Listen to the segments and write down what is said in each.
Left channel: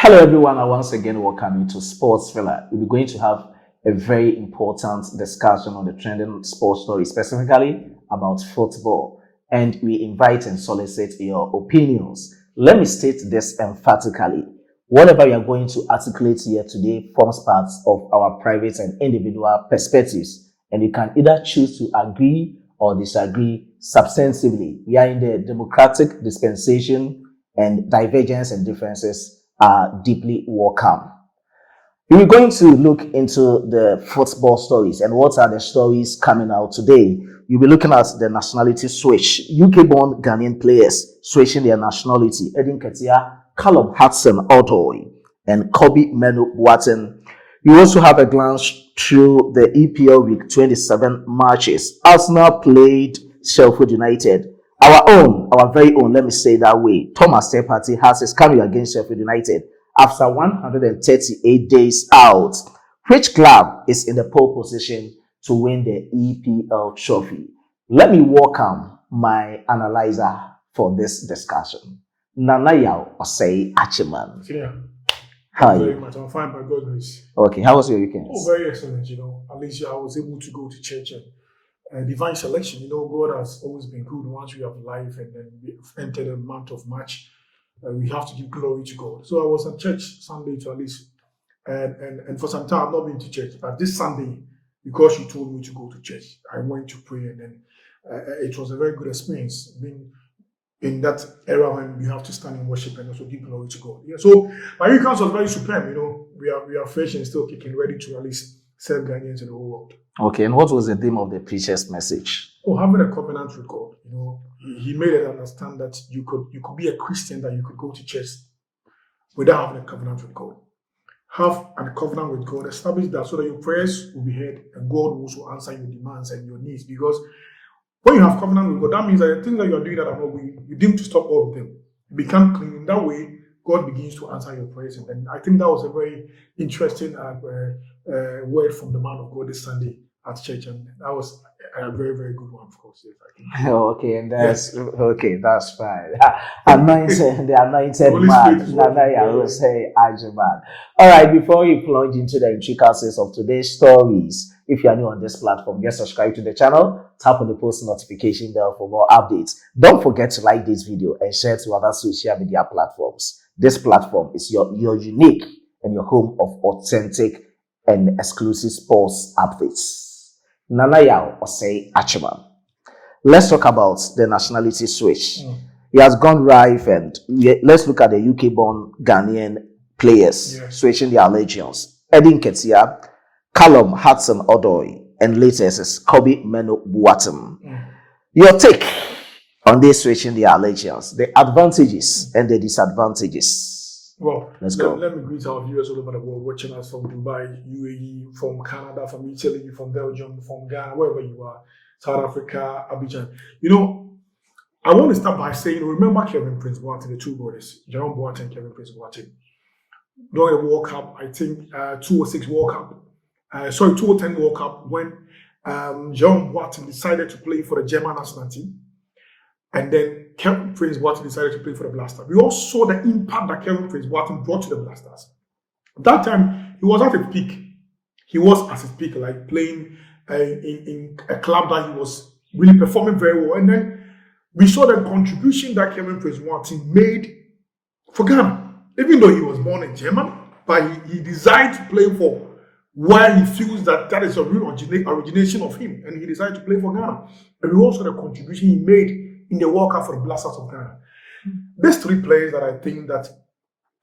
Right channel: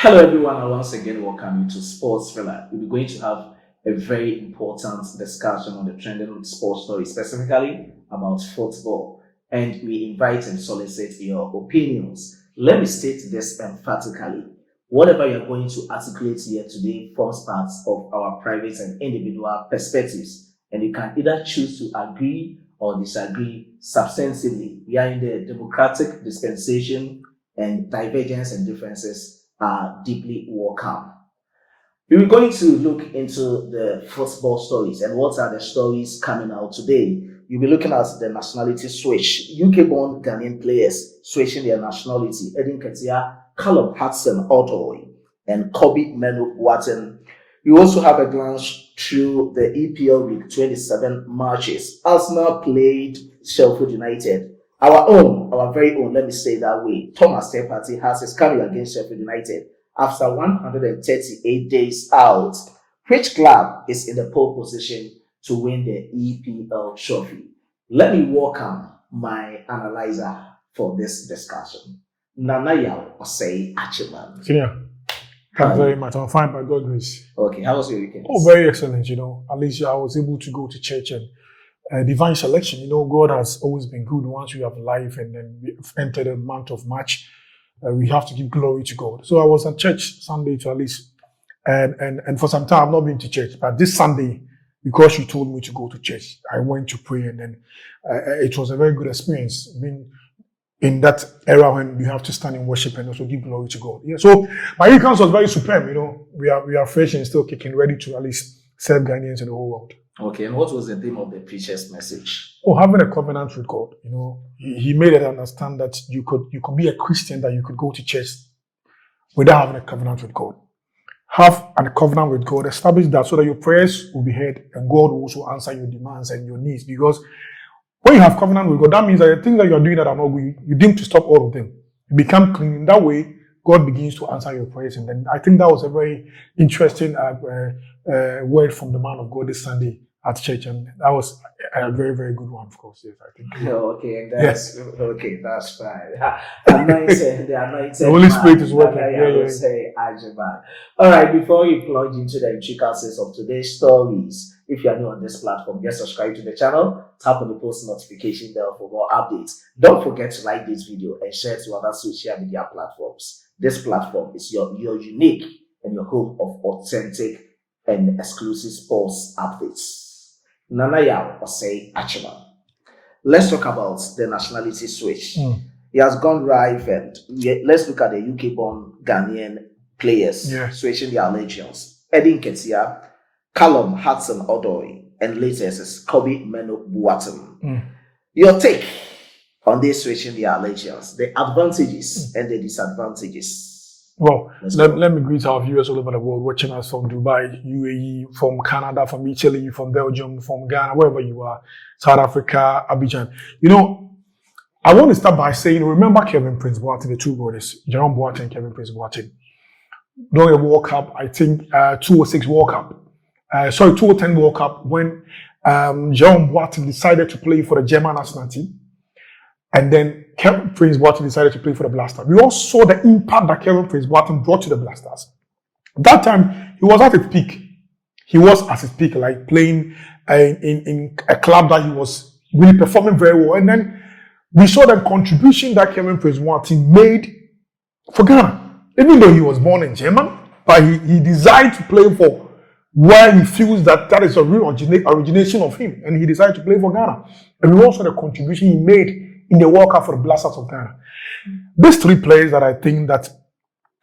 Hello everyone, and once again welcome you to Sports Filler. We'll be going to have a very important discussion on the trending sports story, specifically about football. And we invite and solicit your opinions. Let me state this emphatically. Whatever you are going to articulate here today forms part of our private and individual perspectives. And you can either choose to agree or disagree substantively. We are in the democratic dispensation, and divergence and differences are deeply welcome. We're going to look into the football stories and what are the stories coming out today. You'll be looking at the nationality switch. UK-born Ghanaian players switching their nationality. Nketiah, Callum Hudson Odoi, and Kobbie BOATENG. You also have a glance through the EPL Week 27 matches. Arsenal played Sheffield United. Our very own, let me say it that way, Thomas Partey has his career against Sheffield United after 138 days out. Which club is in the pole position to win the EPL trophy? Let me welcome my analyzer for this discussion. Nketiah Osei Achiman. Senior, thank you very much. I'm fine by God's grace. Okay, how was your weekend? Oh, very excellent. At least I was able to go to church and divine selection. God has always been good. Once we have life and then we entered a month of March, we have to give glory to God. So I was at church Sunday to at least, and for some time I've not been to church. But this Sunday, because you told me to go to church, I went to pray, and then it was a very good experience. Being in that era when we have to stand in worship and also give glory to God. Yeah. So my weekend was very superb. We are fresh and still kicking, ready to at least serve Ghanaians in the whole world. Okay, and what was the theme of the preacher's message? Having a covenant with God. He made it understand that you could be a Christian, that you could go to church without having a covenant with God. Have a covenant with God, establish that so that your prayers will be heard and God will also answer your demands and your needs. Because when you have covenant with God, that means that the things that you are doing that are not good, you deem to stop all of them. You become clean. In that way, God begins to answer your prayers. And then I think that was a very interesting word from the man of God this Sunday at church, and that was a very, very good one, of course. Yes, I think. Okay, and that's okay. That's fine. The anointed Holy man. Spirit is working. I will say, Ajiman. All right. Before you plunge into the intricacies of today's stories, if you are new on this platform, just subscribe to the channel. Tap on the post notification bell for more updates. Don't forget to like this video and share to other social media platforms. This platform is your unique and your home of authentic and exclusive sports updates. Nketiah Osei Achiman. Let's talk about the nationality switch. He has gone live, and let's look at the UK-born Ghanaian players switching their allegiance. Nketiah, Callum Hudson Odoi, and latest is Kobbie BOATENG. Your take on this switching their allegiance, the advantages and the disadvantages. Well, let me greet our viewers all over the world watching us from Dubai, UAE, from Canada, from Italy, from Belgium, from Ghana, wherever you are, South Africa, Abidjan. I want to start by saying, remember Kevin Prince Boateng, the two brothers, Jerome Boateng and Kevin Prince Boateng. During the World Cup, I think 2006 World Cup, 2010 World Cup, when Jerome Boateng decided to play for the German national team. And then Kevin Prince Boateng decided to play for the Blasters. We all saw the impact that Kevin Prince Boateng brought to the Blasters. That time, he was at his peak. He was at his peak, like playing in a club that he was really performing very well. And then we saw the contribution that Kevin Prince Boateng made for Ghana. Even though he was born in Germany, but he decided to play for where he feels that is a real origination of him. And he decided to play for Ghana. And we also the contribution he made in the World Cup for the Blasters of Ghana. These three players that I think that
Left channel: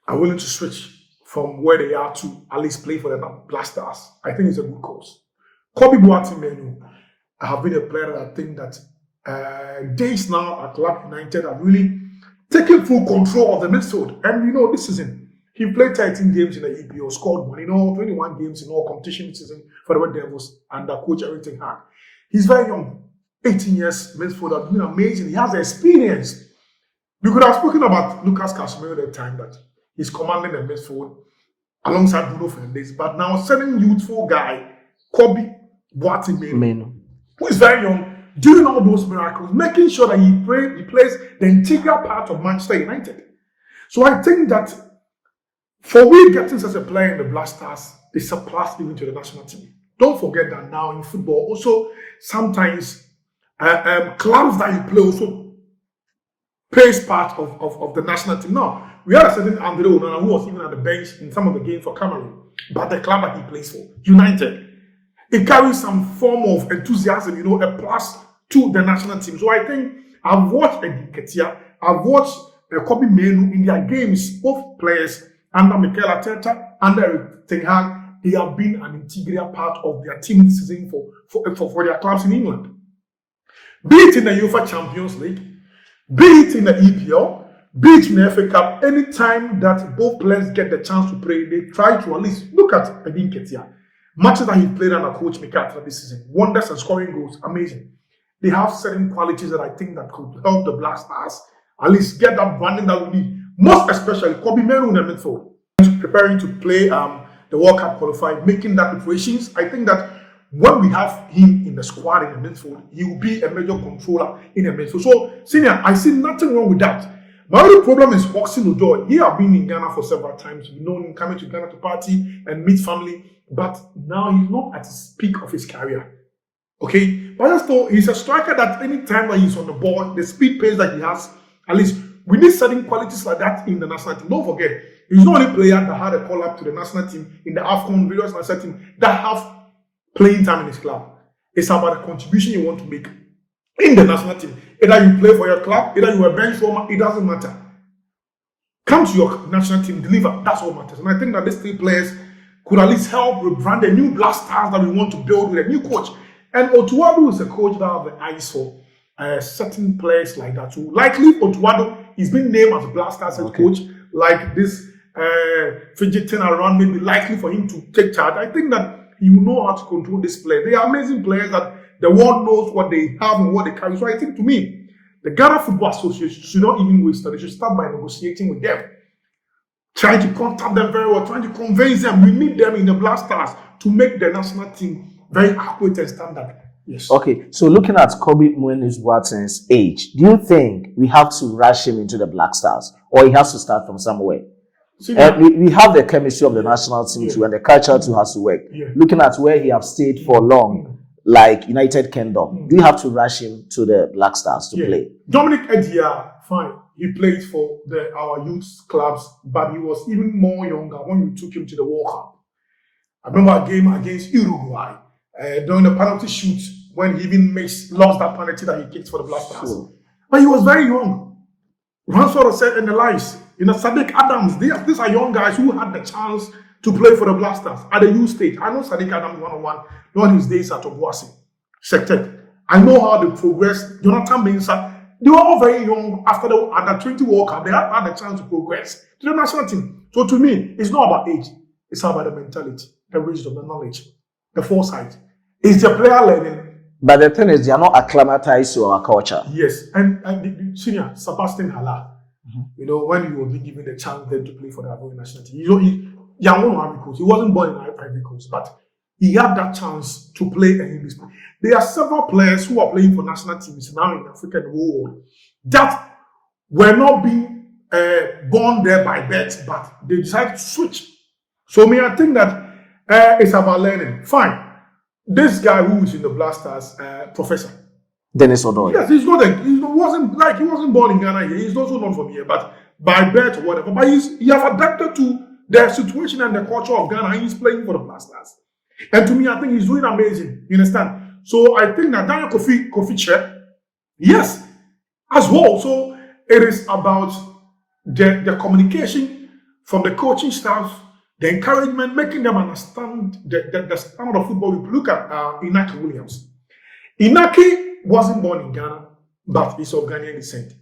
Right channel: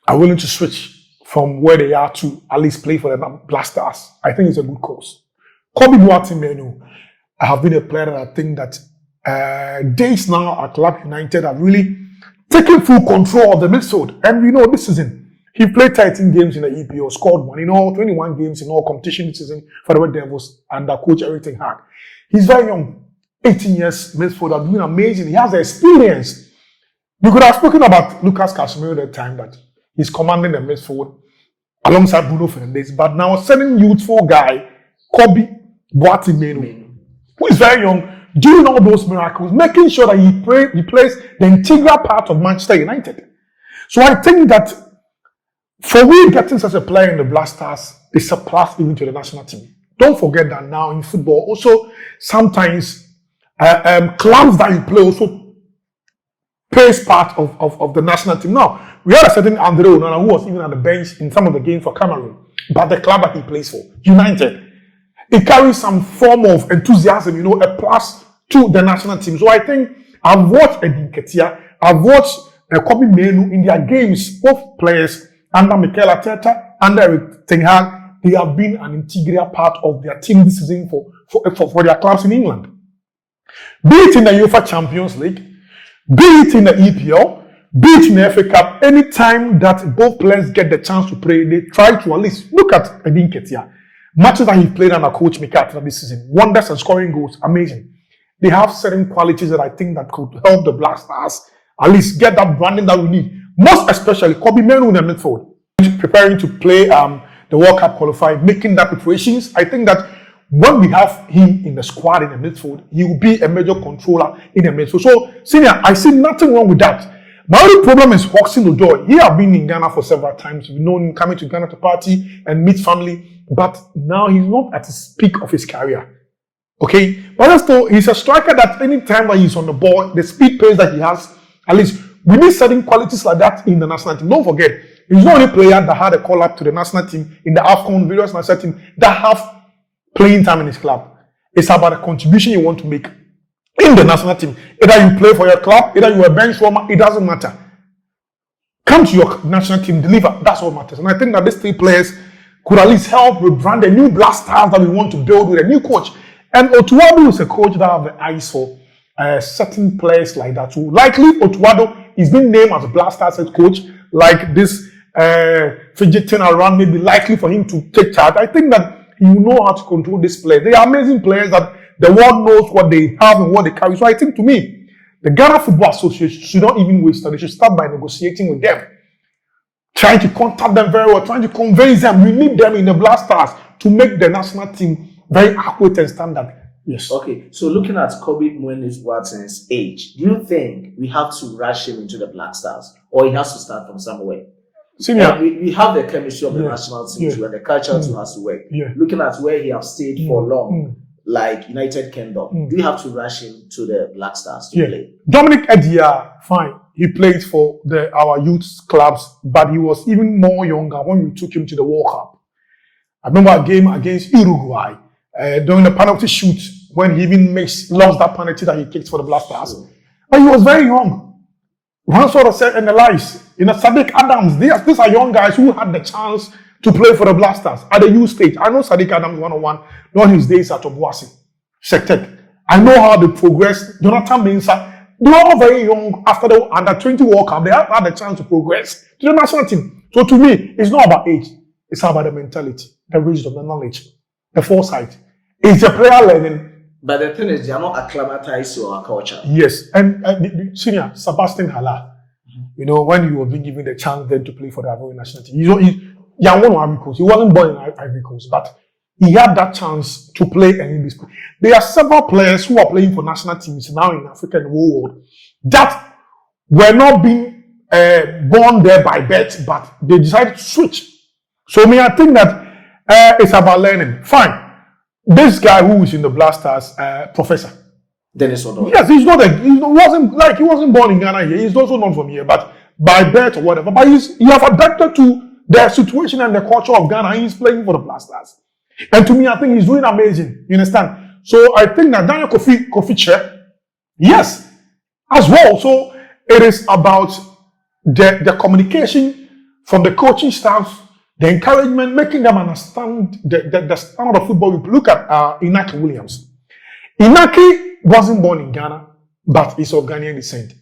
are willing to switch from where they are to at least play for the Blasters, I think it's a good cause. Kobbie BOATENG, Mainoo, I have been a player that I think that days now at Club United have really taken full control of the midfield. And this season, he played 13 games in the EPL, scored 21 games in all competition this season for the Red Devils under coach Eric Ten Hag. He's very young. 18 years midfielder, doing amazing. He has the experience. We could have spoken about Lucas Casemiro at the time that he's commanding the midfield alongside Bruno Fernandes, but now sending youthful guy, Kobbie BOATENG, Mainoo, who is very young, doing all those miracles, making sure that he plays the integral part of Manchester United. So I think that For we getting such a player in the Black Stars is a plus even to the national team. Don't forget that now in football, also sometimes clubs that you play also plays part of the national team. Now, we had a certain Andre Onana who was even at the bench in some of the games for Cameroon, but the club that he plays for, United, it carries some form of enthusiasm, a plus to the national team. So I think I've watched Nketiah, I've watched Kobbie Mainoo in their games, both players under Nketiah, under Ten Hag, they have been an integral part of their team this season for their clubs in England. Be it in the UEFA Champions League, be it in the EPL, be it in the FA Cup, anytime that both players get the chance to play, they try to at least look at Nketiah. Matches that he played under Coach Nketiah this season, wonders and scoring goals, amazing. They have certain qualities that I think that could help the Black Stars at least get that branding that we need. Most especially Kobbie Mainoo in the midfield, preparing to play the World Cup qualifying, making that preparations. I think that when we have him in the squad in the midfield, he will be a major controller in the midfield. So, Senior, I see nothing wrong with that. My only problem is Hudson Odoi. He has been in Ghana for several times. We've known him coming to Ghana to party and meet family, but now he's not at the peak of his career. Okay, but still, he's a striker that any time that he's on the ball, the speed pace that he has, at least we need certain qualities like that in the national team. Don't forget, he's not only player that had a call up to the national team in the AFCON various national team that have playing time in his club. It's about the contribution you want to make in the national team. Either you play for your club, either you're a bench warmer, it doesn't matter. Come to your national team, deliver. That's what matters. And I think that these three players could at least help rebrand a new Black Stars that we want to build with a new coach. And Otuado is a coach that have the eyes for certain players like that. So likely Otuado is being named as a Black Stars head coach, like this fidgeting around, maybe likely for him to take charge. I think that he will know how to control this player. They are amazing players that the world knows what they have and what they carry. So I think to me, the Ghana Football Association should not even waste time. They should start by negotiating with them, trying to contact them very well, trying to convince them. We need them in the Black Stars to make the national team very accurate and standard. Yes. Okay, so looking at Kobbie Mainoo's age, do you think we have to rush him into the Black Stars, or he has to start from somewhere? We have the chemistry of the national team too, and the culture too has to work. Looking at where he has stayed for long, like United Kingdom, do you have to rush him to the Black Stars to play? Dominic Nketiah, fine. He played for our youth clubs, but he was even more younger when we took him to the World Cup. I remember a game against Uruguay during the penalty shoot when he even lost that penalty that he kicked for the Black Stars. But he was very young. One sort of said in the lives, Sadiq Adams, these are young guys who had the chance to play for the Black Stars at the youth stage. I know Sadiq Adams 101, not his days at Obuasi, Sected. I know how they progressed. Jonathan Mensah, they were all very young after the under-20 World Cup. They had the chance to progress to the national team. So to me, it's not about age. It's about the mentality, the wisdom, the knowledge, the foresight. It's the player learning. But the thing is, they are not acclimatized to our culture. Yes. And Senior, Sebastian Haller, when he was being given the chance then to play for the Ivorian national team, he wasn't born in Ivory Coast, but he had that chance to play in English. There are several players who are playing for national teams now in Africa and the whole world that were not being born there by birth, but they decided to switch. So I think that it's about learning. Fine. This guy who is in the Black Stars, Professor Dennis Odoi. Yes, he wasn't born in Ghana here. He's also not from here, but by birth or whatever. But he have adapted to the situation and the culture of Ghana. He's playing for the Black Stars. And to me, I think he's doing amazing. You understand? So I think that Daniel Kofi, yes, as well. So it is about the communication from the coaching staff, the encouragement, making them understand the standard of football. We look at Inaki Williams. Inaki wasn't born in Ghana, but he's of Ghanaian descent.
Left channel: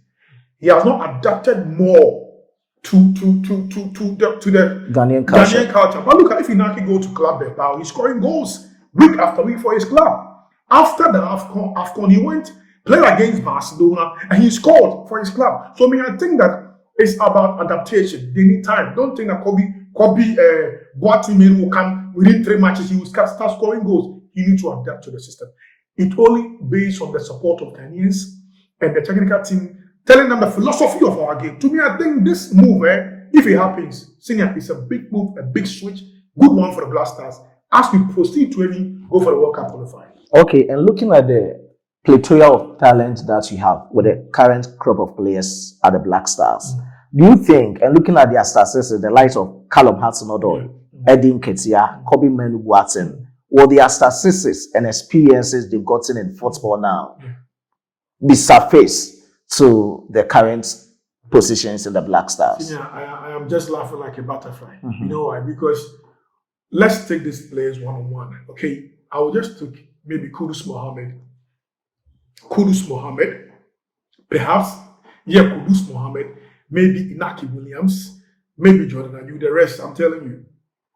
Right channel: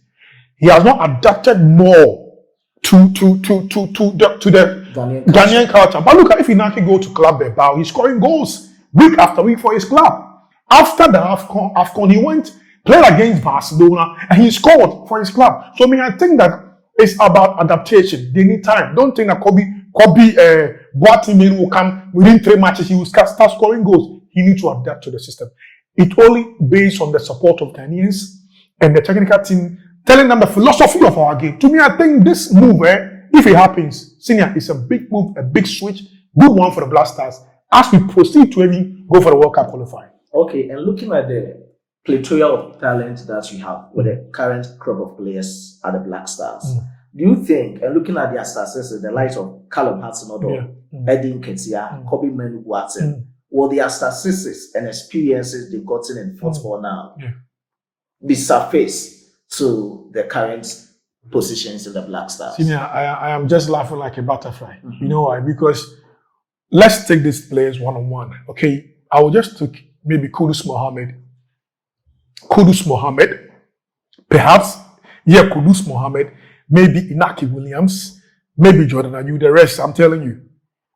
He has not adapted more to the Ghanaian culture. But look at if Inaki go to Club Bilbao, he's scoring goals week after week for his club. After the AFCON, he went, played against Barcelona, and he scored for his club. So I think that it's about adaptation. They need time. Don't think that Kobbie BOATENG will come within 3 matches. He will start scoring goals. He needs to adapt to the system. It only based on the support of Ghanaians and the technical team telling them the philosophy of our game. To me, I think this move If it happens, senior, it's a big move, a big switch, good one for the Black Stars as we proceed to go for the World Cup qualifying. Okay, and looking at the plethora of talent that you have with the current crop of players at the Black Stars, do you think, and looking at their statistics, the likes of Callum Hudson Odoi, Nketiah, Kobbie, Mainoo, BOATENG, or their statistics and experiences they've gotten in football now be surface to the current positions in the Black Stars? Senior, I am just laughing like a butterfly. You know why? Because let's take these players one-on-one. Okay, I will just take maybe Kudus Mohammed, perhaps, Kudus Mohammed, maybe Inaki Williams, maybe Jordan Ayew. The rest, I'm telling you,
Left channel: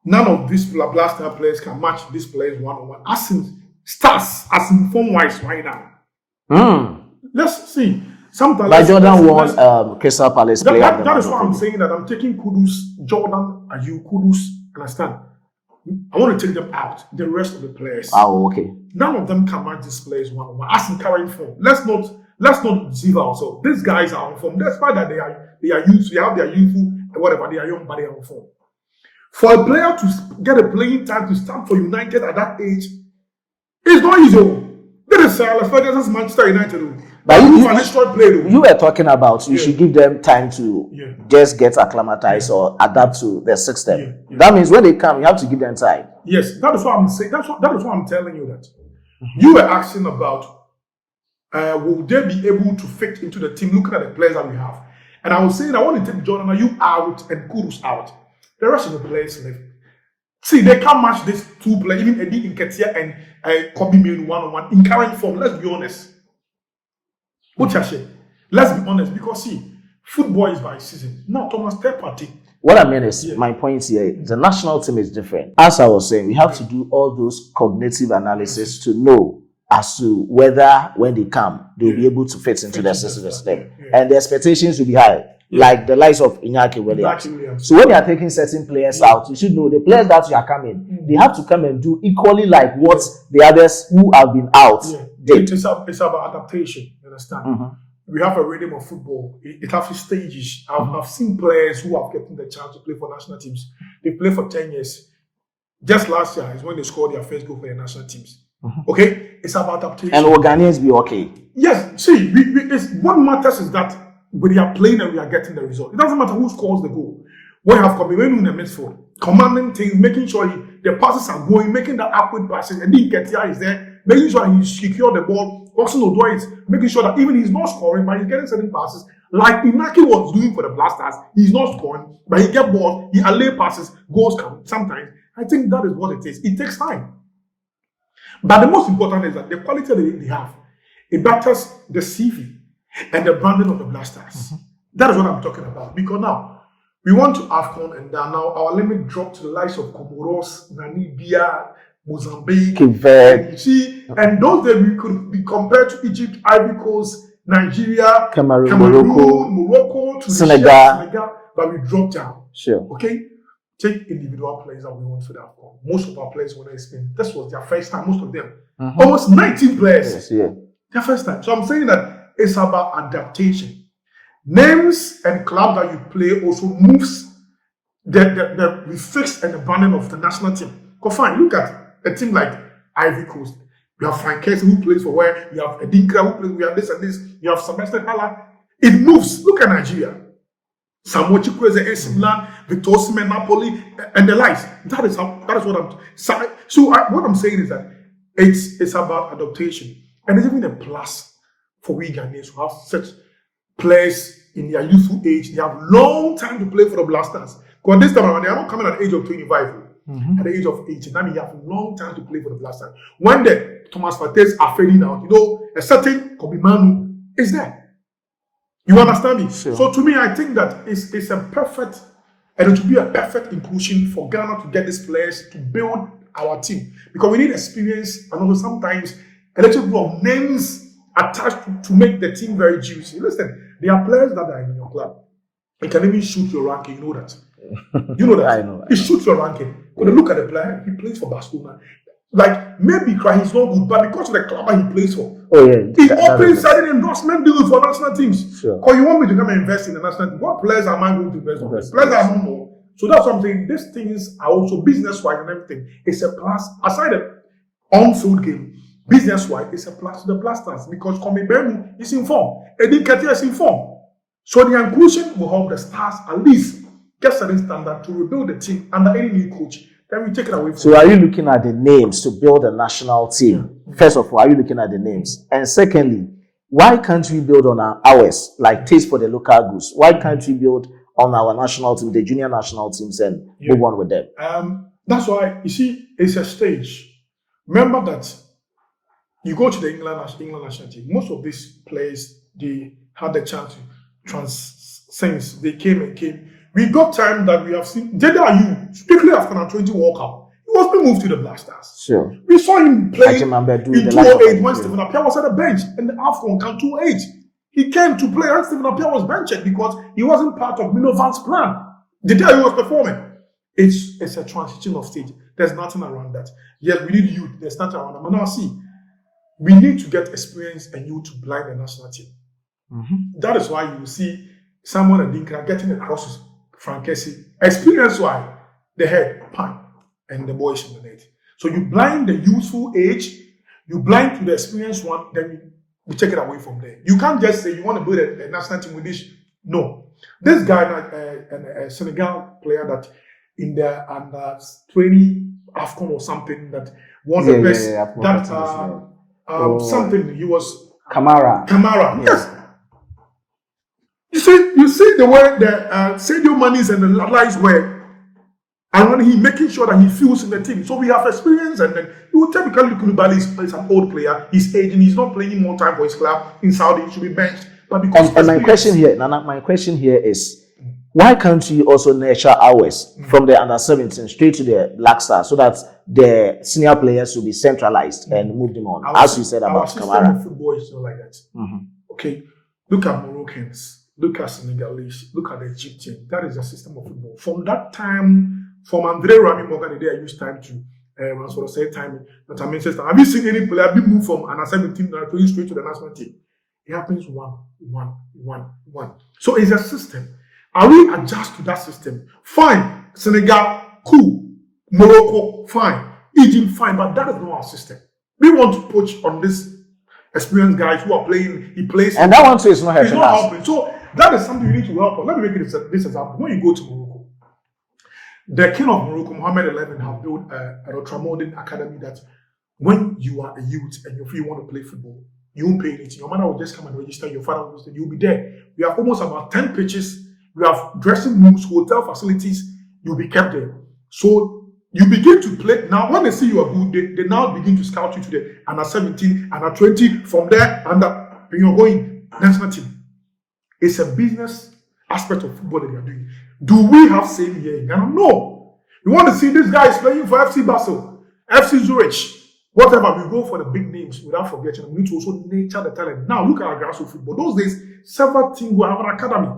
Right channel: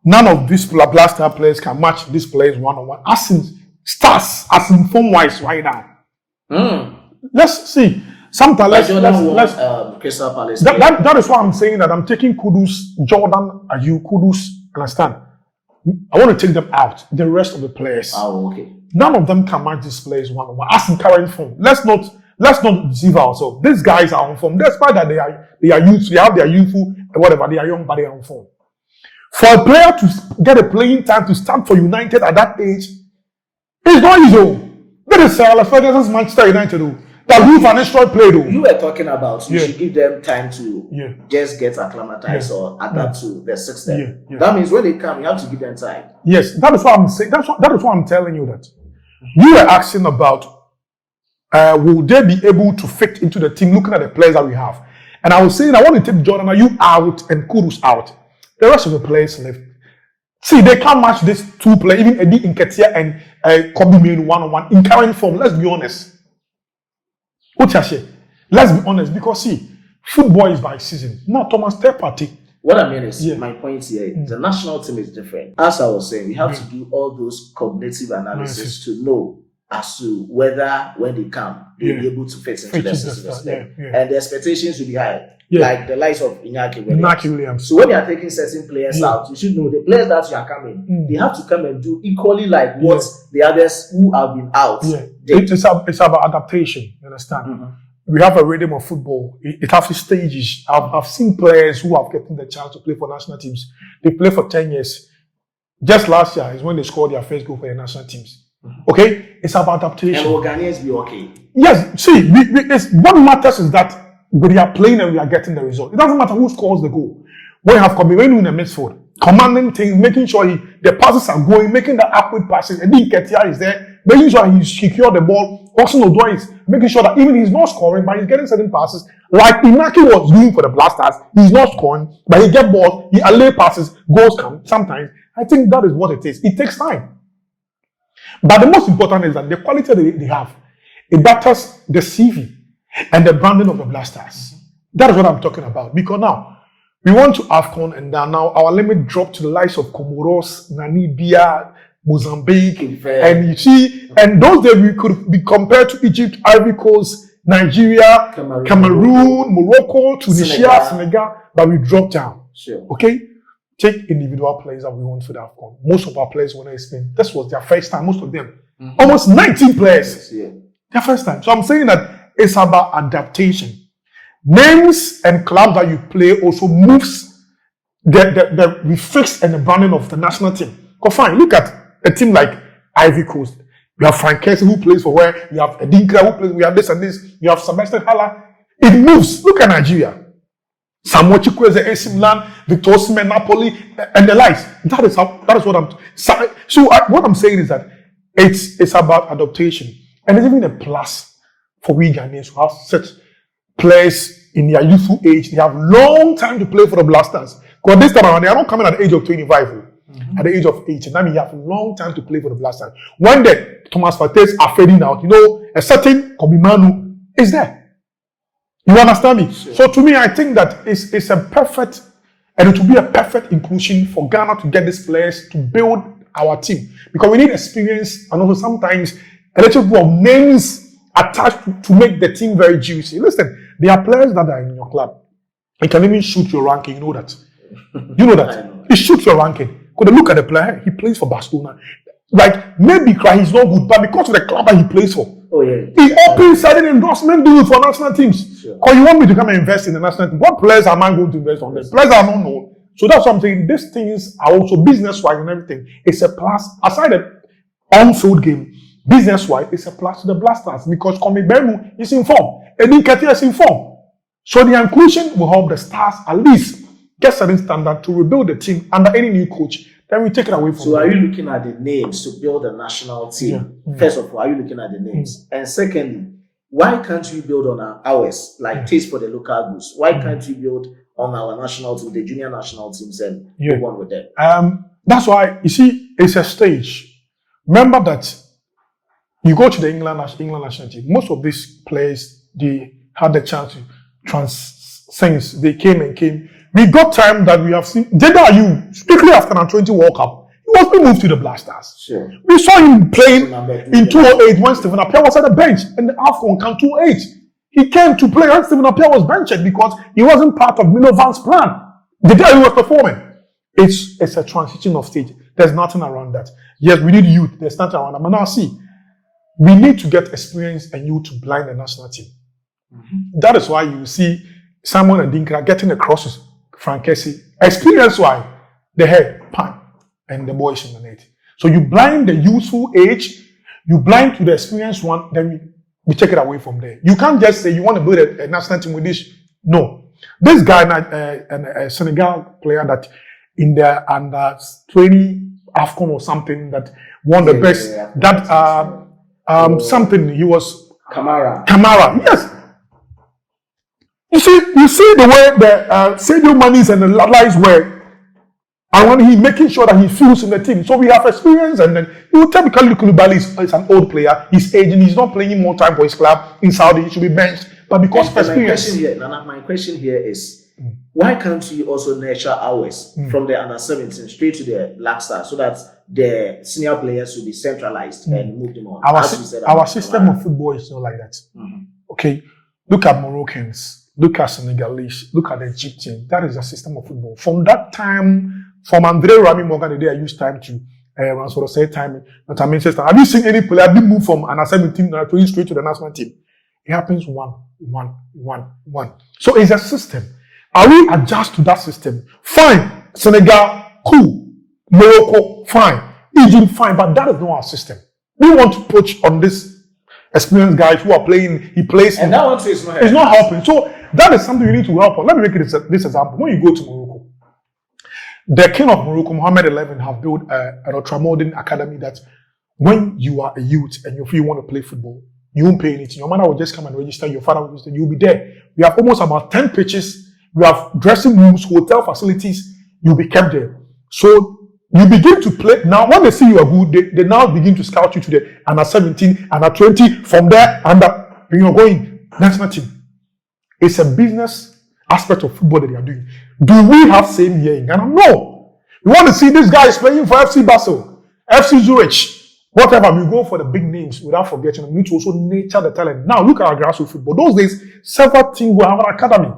none of these Black Star players can match these players one-on-one. As in stars, as in form-wise right now. Let's see. Sometimes like Jordan won Crystal Palace. That is why I'm saying that I'm taking Kudus, Jordan Ayew, Kudus, understand? I want to take them out. The rest of the players. Oh, okay. None of them can match these players one-on-one. As in current form. Let's not deceive ourselves. These guys are on form. Despite that they are youth, they have their youthful and whatever, they are young, but they are on form. For a player to get a playing time to start for United at that age, it's not easy. That is Ferguson's Manchester United. But you were talking about you should give them time to just get acclimatized or adapt to the system. That means when they come, you have to give them time. Yes, that is what I'm saying. That is what I'm telling you that. You were asking about will they be able to fit into the team looking at the players that we have. And I was saying I want to take Jordan Ayew out and Kudus out. The rest of the players left. See, they can't match these two players, even Eddie Nketiah and Kobbie Mainoo one-on-one in current form. Let's be honest. Let's be honest, because see, football is by season. Now, Thomas, third party. What I mean is, my point here, the national team is different. As I was saying, we have to do all those cognitive analysis to know as to whether when they come, they'll be able to fit into the system. And the expectations will be high. Like the likes of Inaki Williams. So when you are taking certain players out, you should know the players that you are coming, they have to come and do equally like what the others who have been out did. It's about adaptation, you understand? We have a rhythm of football. It has stages. I've seen players who have gotten the chance to play for national teams. They play for 10 years. Just last year is when they scored their first goal for the national teams. Okay? It's about adaptation. And will Ghanaians be okay? Yes. See, what matters is that we are playing and we are getting the result. It doesn't matter who scores the goal. We have Kobbie in the midfield, commanding things, making sure the passes are going, making the upward passes, and then Nketiah is there, making sure he secures the ball. Hudson Odoi is making sure that even he's not scoring, but he's getting certain passes. Like Inaki was doing for the Black Stars, he's not scoring, but he gets balls, he allay passes, goals come. Sometimes, I think that is what it is. It takes time. But the most important is that the quality that they have, it batters the CV and the branding of the Black Stars. That is what I'm talking about. Because now, we want to AFCON, and now our limit dropped to the likes of Comoros, Namibia, Mozambique, and you see, and those days we could be compared to Egypt, Ivory Coast, Nigeria, Cameroon, Morocco, Tunisia, Senegal, but we dropped down. Okay? Take individual players that we want for the AFCON. Most of our players were in Spain. This was their first time, most of them. Almost 19 players. Their first time. So I'm saying that it's about adaptation. Names and clubs that you play also moves the fix and the branding of the national team. Because fine, look at a team like Ivory Coast. We have Frank Kessie who plays for where, we have Edinka who plays, we have this and this, we have Sebastian Haller. It moves. Look at Nigeria. Samuel Chukwueze, AC Milan, Victor Osimhen, Napoli, and the likes. That is what I'm. So what I'm saying is that it's about adaptation, and it's even a plus for we Ghanaians who have such players in their youthful age. They have long time to play for the Black Stars. Because this time around, they are not coming at the age of 25, at the age of 18. That means you have a long time to play for the Black Stars. When the Thomas Partey's are fading out, a certain Kobbie Mainoo is there. You understand me? Sure. So to me, I think that it's a perfect, and it will be a perfect inclusion for Ghana to get these players to build our team. Because we need experience and also sometimes a little bit of names attached to make the team very juicy. Listen, there are players that are in your club. It can even shoot your ranking. You know that. You know that. I know that. It shoots your ranking. Because look at the player, he plays for Barcelona. Like, maybe he's not good, but because of the club that he plays for, Oh yeah. It opens certain endorsement deals for national teams. Sure. Because you want me to come and invest in the national team. What players am I going to invest on? Players are not known. So that's what I'm saying. These things are also business-wise and everything. It's a plus. Aside the on-field game, business-wise, it's a plus to the Blasters because Mainoo is in form. And Nketiah is in form. So the inclusion will help the Stars at least get certain standard to rebuild the team under any new coach. Then we take it away from So are you looking at the names to build a national team? Yeah. First of all, are you looking at the names? And secondly, why can't we build on ours, like taste for the local goods? Why can't we build on our national team, the junior national teams, and move on with them? That's why, you see, it's a stage. Remember that you go to the England national team, most of these players, they had the chance to transcend. They came. We got time that we have seen. Ayew, strictly after the 20 World Cup, he was being moved to the Blasters. Sure. We saw him playing in 2008 when Stephen Appiah was at the bench, and the AFCON came 2008. He came to play when Stephen Appiah was benched because he wasn't part of Minovan's plan. The day he was performing. It's a transition of stage. There's nothing around that. Yes, we need youth. There's nothing around that. But now see, we need to get experience and youth to blind the national team. Mm-hmm. That is why you see Simon and Dinka getting the crosses. Frankesi, experience-wise, they had pan and the boys in the net. So you blind the youthful age, you blind to the experienced one, then we take it away from there. You can't just say you want to build a national team with this. No. This guy, a Senegal player that in the under 20 AFCON or something that won the best, something, he was Kamara, yes. You see the way the Sadio Manis and the Lalais were, and when he's making sure that he feels in the team. So we have experience, and then you will typically look at Koulibaly is an old player. He's aging. He's not playing more time for his club in Saudi. He should be benched. But because my question here is, why can't we also nurture ours from the under 17 straight to the Black Stars so that the senior players will be centralized and move them on? Our system of football is not like that. Mm-hmm. Okay, look at Moroccans. Look at Senegalese, look at the Egyptian. That is the system of football. From that time, from Andre Rami Morgan, the day I used time to say time. But I mean, sister, have you seen any player be moved from an assembly team straight to the national team? It happens one. So it's a system. Are we adjust to that system? Fine. Senegal, cool. Morocco, fine. Egypt, fine. But that is not our system. We want to push on this experienced guys who are playing. He plays, and that one too is not helping. It's not helping. So that is something you need to help on. Let me make this example. When you go to Morocco, the king of Morocco, Mohammed XI, have built an ultramodern academy that when you are a youth and you feel you want to play football, you won't pay anything. Your mother will just come and register. Your father will register. You'll be there. We have almost about 10 pitches. We have dressing rooms, hotel facilities. You'll be kept there. So you begin to play. Now, when they see you are good, they now begin to scout you to the under 17, under 20. From there, you're going national team. It's a business aspect of football that they are doing. Do we have same here in Ghana? No. You want to see this guy is playing for FC Basel, FC Zurich, whatever. We go for the big names without forgetting them. We need to also nurture the talent. Now, look at our grassroots football. Those days, several teams will have an academy.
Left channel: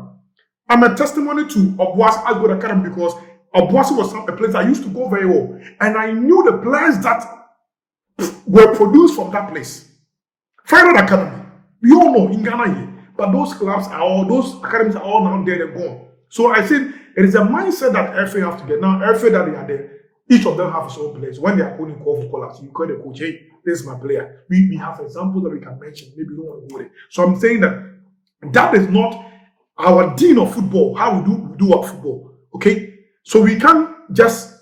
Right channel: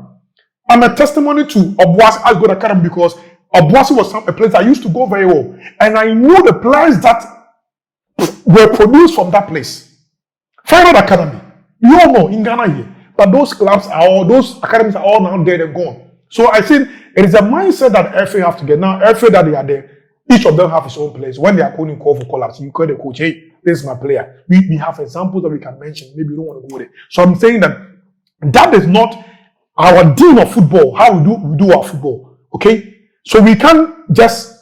I'm a testimony to Obuasi as good academy because Obuasi was a place I used to go very well. And I knew the players that were produced from that place. Final academy. You all know in Ghana here. But those academies are all now dead and gone. So I think it is a mindset that FA have to get. Now, FA that they are there, each of them have his own place. When they are calling call for collapse, you call the coach, hey, this is my player. We have examples that we can mention. Maybe you don't want to go there. So I'm saying that is not our deal of football, how we do our football. Okay? So we can't just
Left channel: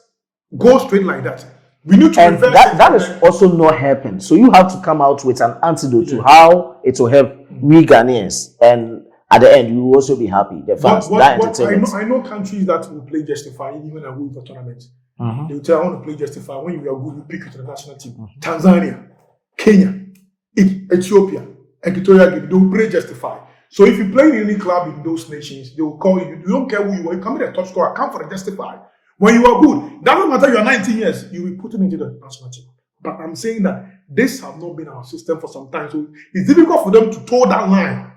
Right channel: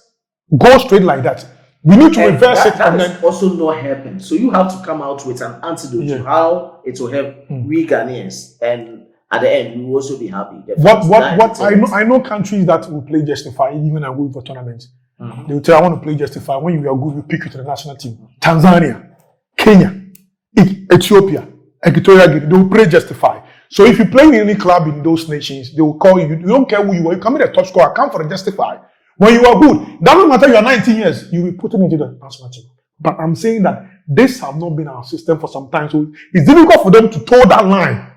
go straight like that. We need to reverse it. That is also not helping. So you have to come out with an antidote to how it will help we Ghanaians. And at the end, you will also be happy. I know countries that will play Justify even and go for tournaments. Mm-hmm. They will tell you, I want to play Justify. When you are good, we pick you to the national team. Mm-hmm. Tanzania, Kenya, Ethiopia, Equatorial Guinea, they will play Justify. So if you play in any club in those nations, they will call you. You don't care who you are. You come in a top scorer, come for the Justify. When you are good, doesn't matter you are 19 years, you'll be put into the national team. But I'm saying that this has not been our system for some time. So it's difficult for them to toe that line.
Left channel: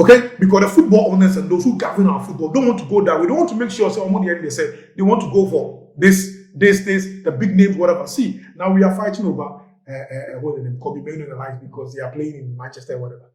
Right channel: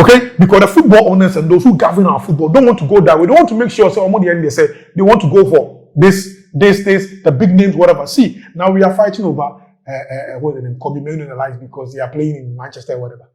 Okay? Because the football owners and those who govern our football don't want to go that way. They want to make sure, so on the end they say, they want to go for this, the big names, whatever. See, now we are fighting over what's the name, Kobbie, Mainoo and the likes because they are playing in Manchester or whatever.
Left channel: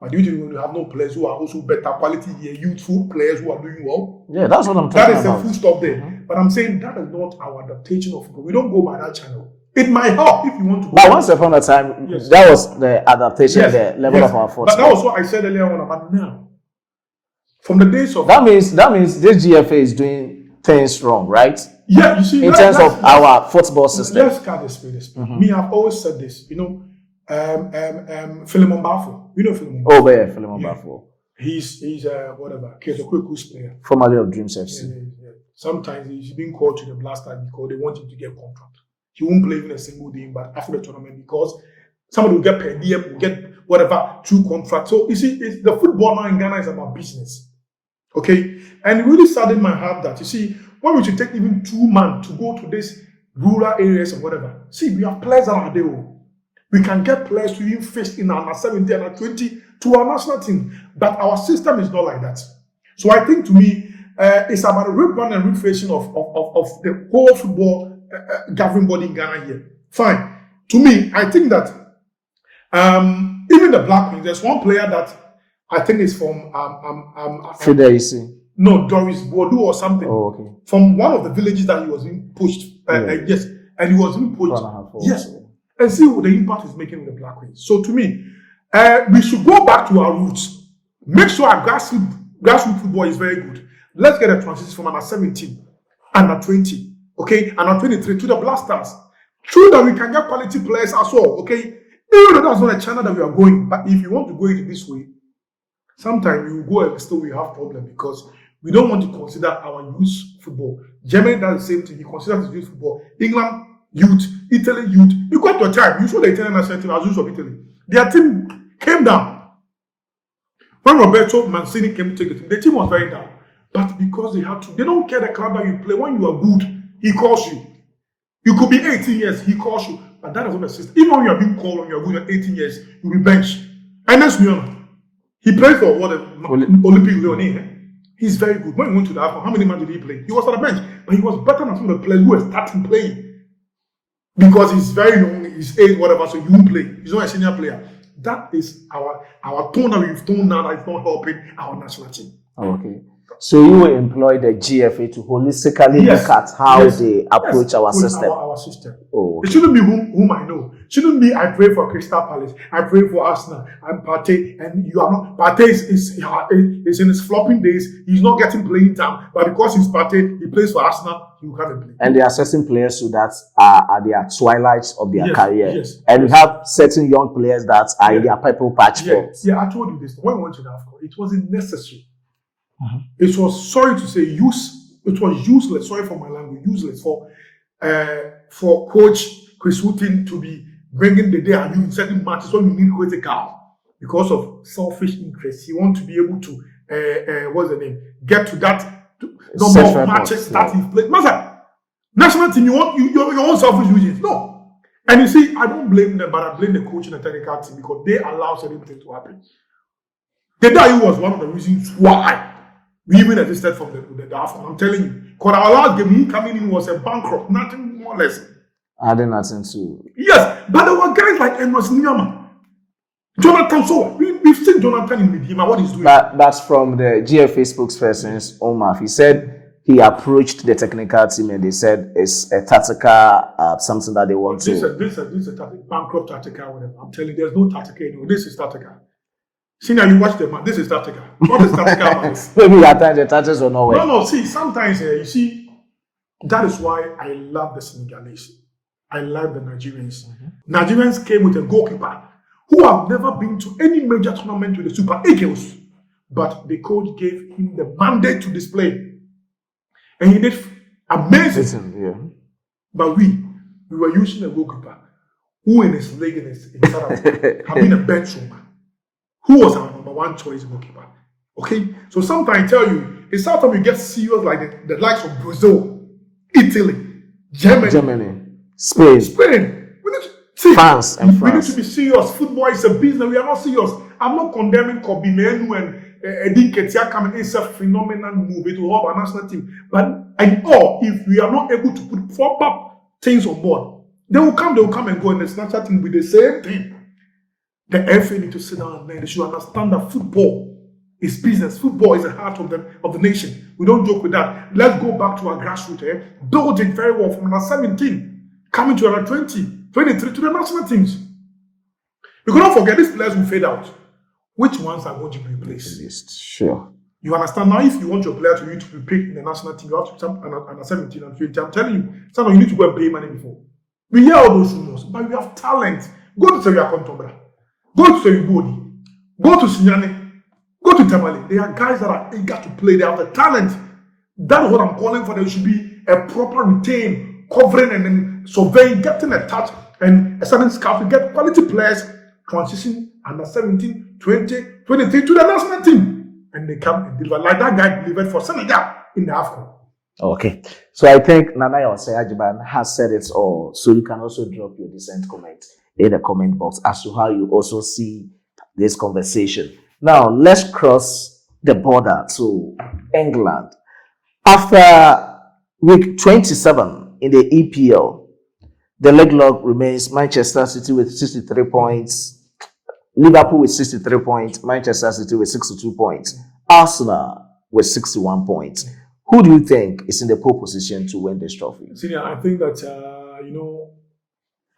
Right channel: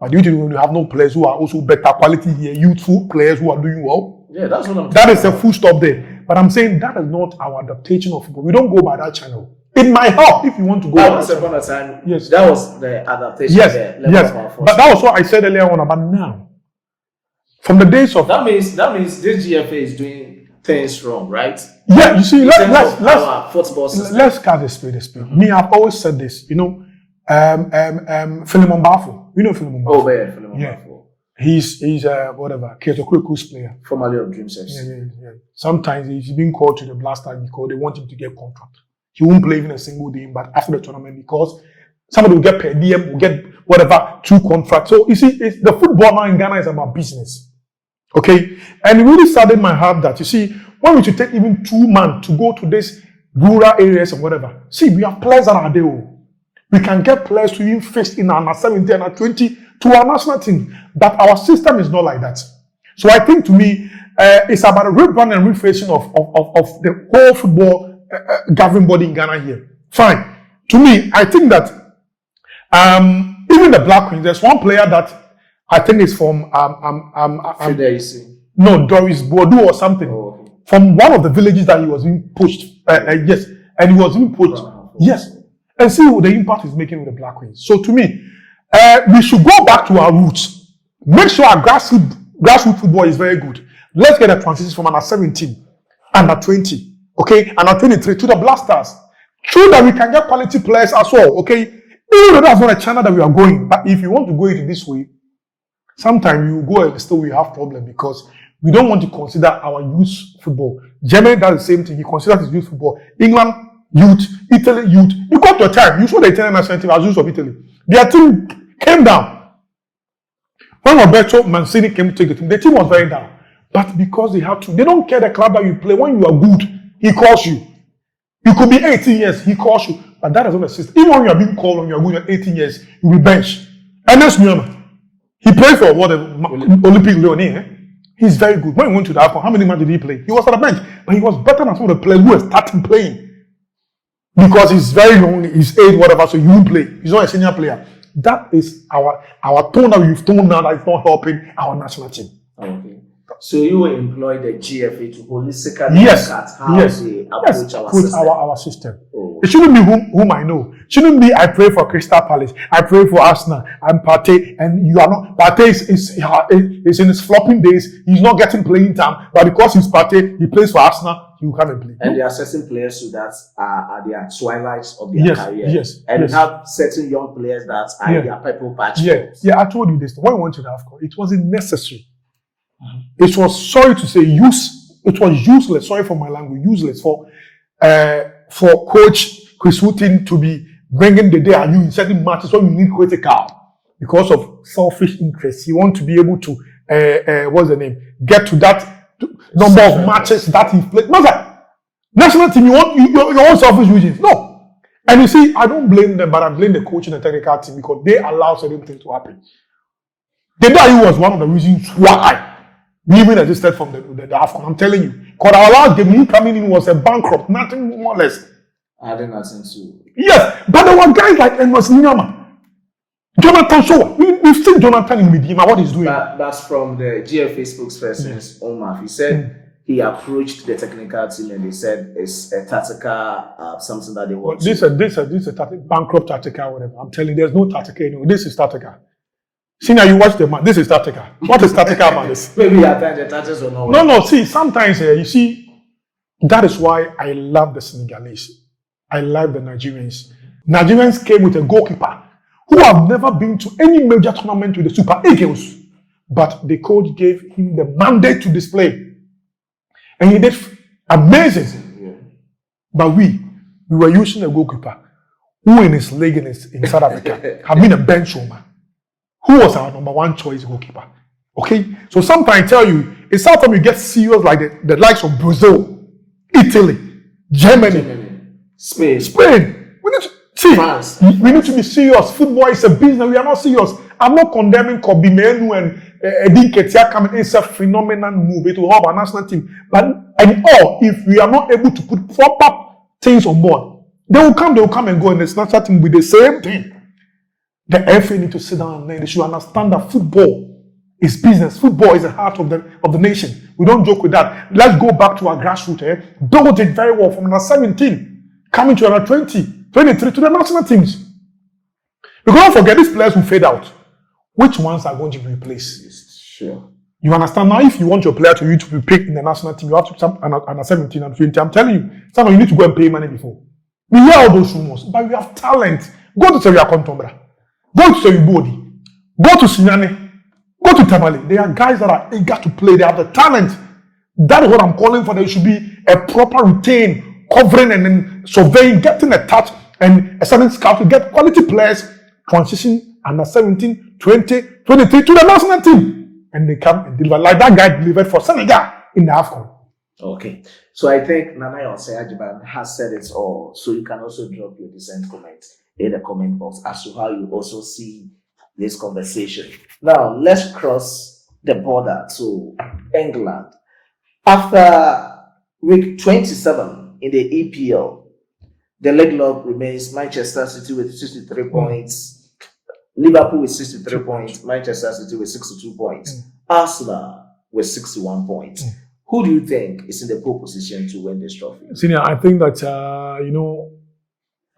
But you when you have no players who are also better quality here, youthful players who are doing well. Yeah, that's what I'm That is about. a full stop there. But I'm saying that is not our adaptation of football. We don't go by that channel. It might help if you want to go. But once upon a time, yes, that was the adaptation, the level of our force. But that was what I said earlier on about now. From the days of that means this GFA is doing things wrong, right? Yeah, you see, in terms of our football system. Let's cut the speed. Me, I've always said this. You know, Philemon Bafo. You know Philemon Bafo? Oh, yeah, Philemon Bafo. He's whatever, Kyoto's player. Formerly of Dreams FC. Yeah. Sometimes he's been called to the last time because they want him to get contract. He won't play even a single game, but after the tournament, because somebody will get per diem, will get whatever, 2 contracts. So you see, the football now in Ghana is about business. Okay? And it really saddened my heart that, you see, when we should take even 2 months to go to these rural areas and whatever. See, we have players that are there. We can get players to even face in our 17 and our 20 to our national team. But our system is not like that. So I think to me, it's about a rebrand and refacing of the whole football governing body in Ghana here. Fine. To me, I think that even the Black Queens, there's one player that I think is from no, Doris Bordeaux or something. Oh, okay. From one of the villages that he was being pushed. Yes, and he was being pushed. Yes. And see what the impact is making on the Black Queens. So to me, we should go back to our roots. Make sure our grassroots football is very good. Let's get a transition from under 17, under 20, okay, under 23 to the Blasters. True that we can get quality players as well, okay? Even though that's not a channel that we are going, but if you want to go it this way, sometimes you go and still we have problem because we don't want to consider our youth football. Germany does the same thing. He considers his youth football. England, youth, Italy, youth. You got to a time, you saw the Italian national team as youth of Italy. Their team came down. When Roberto Mancini came to take the team was very down. But because they have to, they don't care the club that you play. When you are good, he calls you. You could be 18 years, he calls you. But that is not a system. Even when you are being called when you are good at 18 years, you'll be benched. And that's Muyama. He played for what Olympic Leonie. He's very good. When he went to the AFCON, how many matches did he play? He was at the bench. But he was better than some of the players who were starting playing. Because he's very lonely, he's age, whatever, so you won't play. He's not a senior player. That is our tone that we've toned now that is not helping our national team. Okay. So you will employ the GFA to holistically look at how they approach our system. Our system. Oh. It shouldn't be whom I know. It shouldn't be I pray for Crystal Palace, I pray for Arsenal, I'm Partey, and you are not. Partey is in his flopping days. He's not getting playing time, but because he's Partey, he plays for Arsenal. You come and play. And there are certain players who that are their twilights of their career. Yes. And we have certain young players that are in their purple patch. Yeah, I told you this. When we went to the AFCON, it wasn't necessary. It was, sorry to say, it was useless. Sorry for my language, useless for Coach Chris Wooten to be bringing the day and you in certain matches when you need critical because of selfish interests. You want to be able to, what's the name? Get to that number of matches that he played. National team, you want selfish reasons. No. And you see, I don't blame them, but I blame the coach and the technical team because they allow certain things to happen. The day was one of the reasons why we even existed from the AFCON. I'm telling you. Because our last game, he coming in was a bankrupt, nothing more or less. I did nothing to. Yes, but there were guys like Enos Nyama, Jonathan Shaw. We've seen Jonathan in Medina, what he's doing. That's from the GFA spokesperson's own mouth. He said he approached the technical team and they said it's a tactical something that they want this is a bankrupt tactical, whatever. I'm telling you, there's no tactical anymore. This is tactical. See now you watch the man. This is tactical. What is tactical, man? Maybe at times the tactics are not working. No. See, sometimes you see, that is why I love the Senegalese. I love the Nigerians. Nigerians came with a goalkeeper who have never been to any major tournament with the Super Eagles, but the coach gave him the mandate to display, and he did amazing. Yeah. But we were using a goalkeeper who in his league in South Africa had been a bench warmer. Who was our number one choice goalkeeper? Okay? So sometimes I tell you, it's sometimes you get serious like the likes of Brazil, Italy, Germany, Spain. We need to see. France. We need to be serious. Football is a business. We are not serious. I'm not condemning Kobbie, Mainoo and Nketiah coming. It's a phenomenal move. It will help our national team. But if we are not able to put proper things on board, They will come and go, and it's not starting with the same thing. The FA need to sit down and they should understand that football is business. Football is the heart of the nation. We don't joke with that. Let's go back to our grassroots. Build it very well from under 17, coming to under 20, 23 to the national teams. Because don't forget, these players will fade out. Which ones are going to be replaced? Sure. You understand? Now, if you want your player to be picked in the national team, you have to under 17 and 20. I'm telling you, someone you need to go and pay money before. We hear all those rumors, but we have talent. Go to Seria Kontombra. Go to Seribodi. Go to Sinyane. Go to Tamale. They are guys that are eager to play. They have the talent. That is what I'm calling for. There should be a proper retain, covering and then surveying, getting a touch and a certain scout to get quality players transition under 17, 20, 23 to the national team. And they come and deliver like that guy delivered for Senegal in the AFCON. Okay. So I think Nanayo Ajiban has said it all. So you can also drop your decent comment in the comment box as to how you also see this conversation. Now, let's cross the border to England. After week 27 in the EPL, the leg log remains Manchester City with 63 points, Liverpool with 63 points, Manchester City with 62 points, Arsenal with 61 points. Who do you think is in the pole position to win this trophy? Senior, I think that,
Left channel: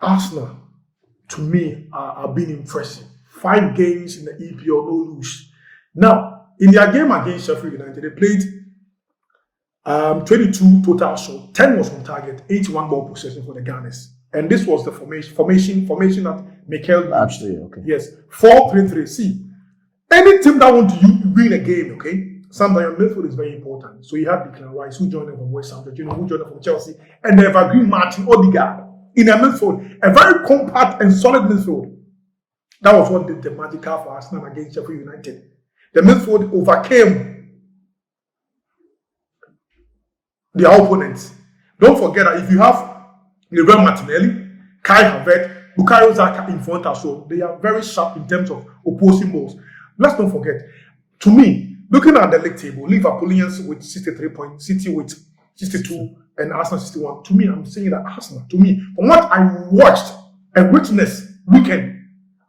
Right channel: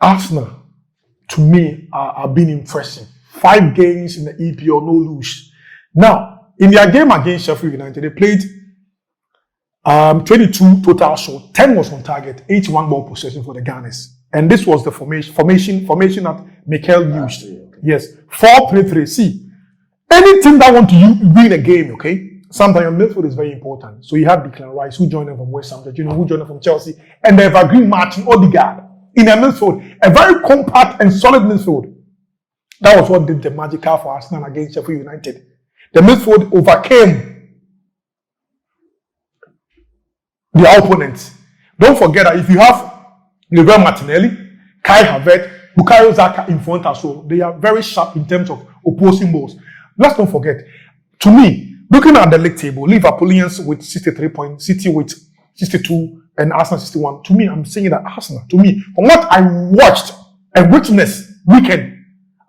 Arsenal, to me, are being impressive. 5 games in the EPL, no lose. Now, in their game against Sheffield United, they played 22 total shots, 10 was on target, 81 ball possession for the Gunners. And this was the formation that Mikel used. Okay. Yes, 4-3-3. See, any team that want to win a game, okay, sometimes your midfield is very important. So you have Declan Rice, who joined them from West Ham, who joined them from Chelsea, and the evergreen Martin Odegaard in a midfield, a very compact and solid midfield. That was what did the magical for Arsenal against Sheffield United. The midfield overcame their opponents. Don't forget that if you have Gabriel Martinelli, Kai Havertz, Bukayo Saka in front as well, they are very sharp in terms of opposing balls. Let's not forget, to me, looking at the league table, Liverpoolians with 63 points, City with 62, and Arsenal 61. To me, I'm saying that Arsenal, to me, from what I watched and witnessed weekend,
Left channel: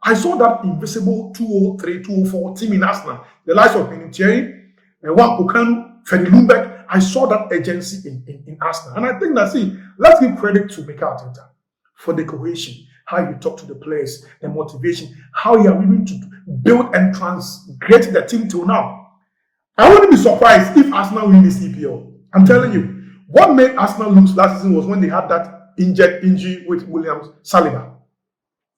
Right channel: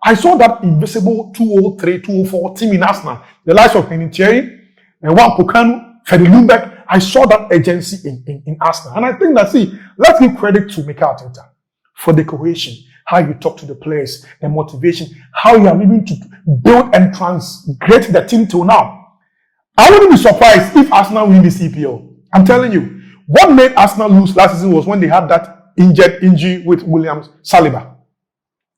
I saw that invisible 203, 204 team in Arsenal, the likes of Nketiah and Wan-Pokanu, Fede Ljungberg. I saw that agency in Arsenal. And I think that, let's give credit to Mikel Arteta for the cohesion, how you talk to the players, the motivation, how you are able to build and transgrade the team till now. I wouldn't be surprised if Arsenal win this EPL. I'm telling you, what made Arsenal lose last season was when they had that injury with William Saliba.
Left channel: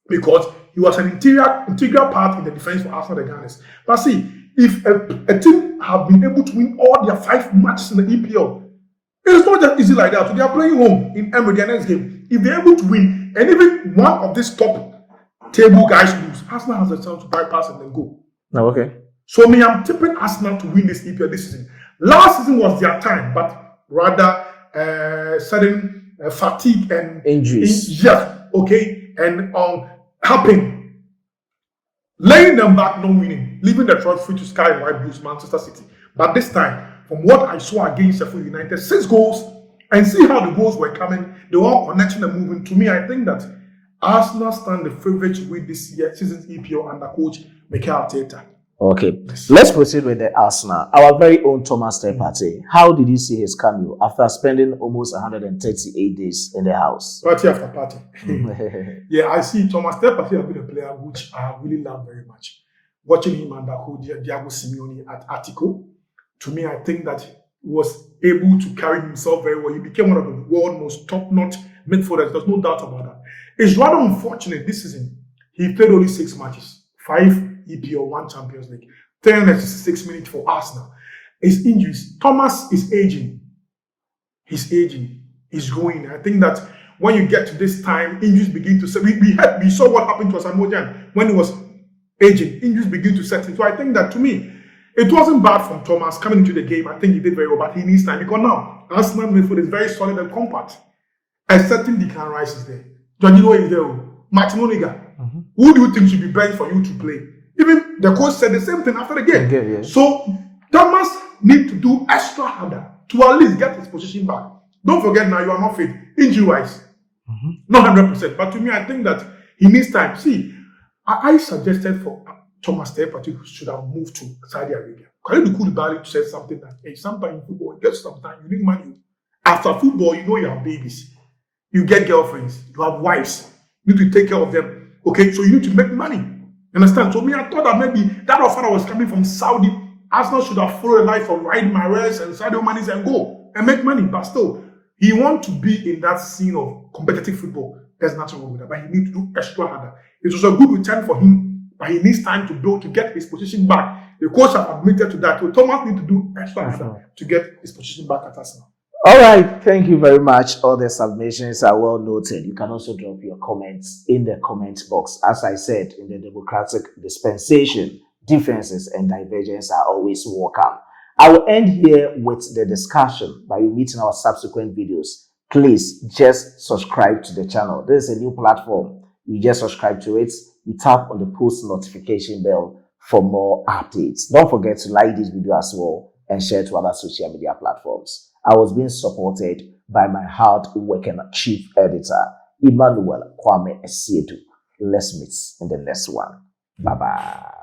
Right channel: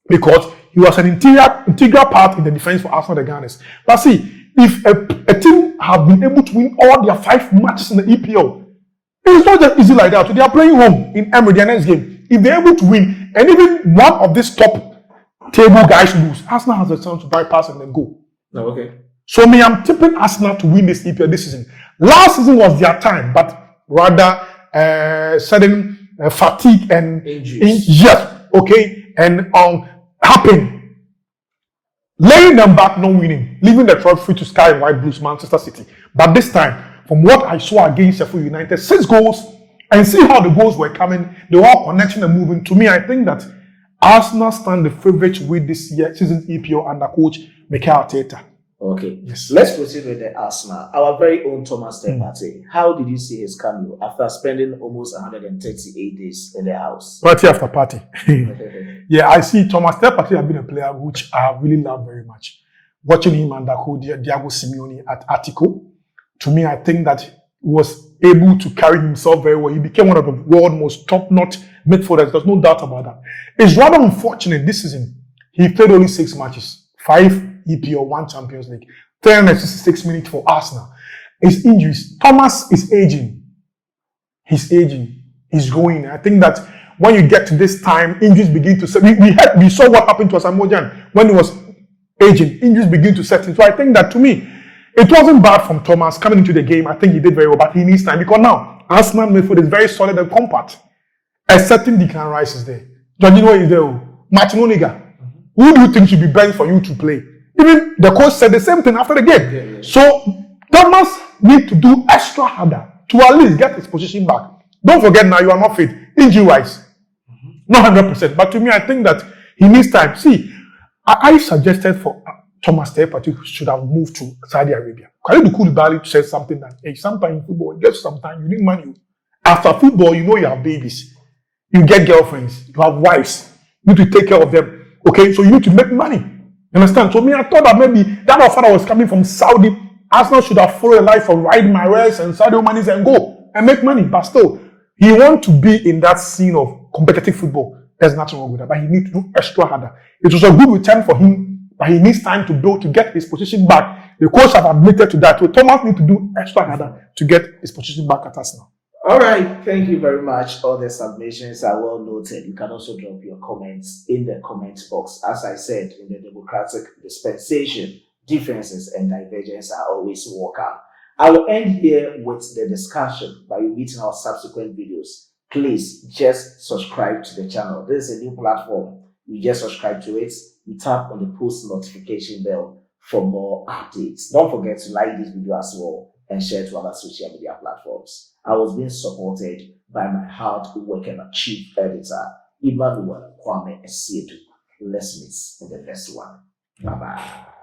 Because he was an integral part in the defense for Arsenal, the Gunners. But see, if a team have been able to win all their 5 matches in the EPL, it's not just easy like that. So they are playing home in Emery, their next game. If they're able to win, and even one of these top table guys lose, Arsenal has a chance to bypass and then go. No, okay. So me, I'm tipping Arsenal to win this EPL this season. Last season was their time, but rather sudden fatigue and injuries. Yes, okay, and happened. Laying them back, not winning, leaving the trophy to Sky and White Blues, Manchester City. But this time, from what I saw against Sheffield United, 6 goals, and see how the goals were coming, they were all connecting and moving. To me, I think that Arsenal stand the favourite to win this season's EPL under coach Mikel Arteta. Okay, let's proceed with the Arsenal. Our very own Thomas Partey. How did you see his cameo after spending almost 138 days in the house? Party after party. Yeah, I see Thomas Partey has been a player which I really love very much. Watching him under coach Diego Simeone at Attico, to me, I think that he was able to carry himself very well. He became one of the world's most top-notch midfielders. There's no doubt about that. It's rather unfortunate this season. He played only 6 matches, 5 EPL, 1 Champions League, 366 minutes for Arsenal. His injuries. Thomas is aging. He's aging. He's growing. I think that when you get to this time, injuries begin to set. We saw what happened to Asamoah Gyan when he was aging. Injuries begin to set in. So I think that, to me, it wasn't bad from Thomas coming into the game. I think he did very well, but he needs time because now Arsenal midfield is very solid and compact. Excepting Declan Rice is there. Jorginho is there. Martin Odegaard. Who do you think should be benched for you to play? Even the coach said the same thing after the game. Yeah. So Thomas need to do extra harder to at least get his position back. Don't forget now, you are not fit. Injury-wise. Not 100%, but to me, I think that he needs time. See, I suggested for Thomas Partey should have moved to Saudi Arabia. Khalid Koulibaly said something that, hey, sometimes in football, just sometimes you need money. After football, you know you have babies. You get girlfriends. You have wives. You need to take care of them. Okay, so you need to make money. You understand? So me, I thought that maybe that offer was coming from Saudi. Arsenal should have followed a life of riding my race and Saudi money and go and make money. But still, he wants to be in that scene of competitive football. There's nothing wrong with that. But he needs to do extra harder. It was a good return for him, but he needs time to build to get his position back. The coach have admitted to that. So Thomas needs to do extra harder to get his position back at Arsenal. All right, thank you very much. All the submissions are well noted. You can also drop your comments in the comment box. As I said, in the democratic dispensation, differences and divergence are always welcome. I will end here with the discussion, but you meet in our subsequent videos. Please just subscribe to the channel. This is a new platform. You just subscribe to it. You tap on the post notification bell for more updates. Don't forget to like this video as well and share to other social media platforms. I was being supported by my hard-working chief editor, Emmanuel Kwame Esiedu. Let's meet in the next one. Bye-bye.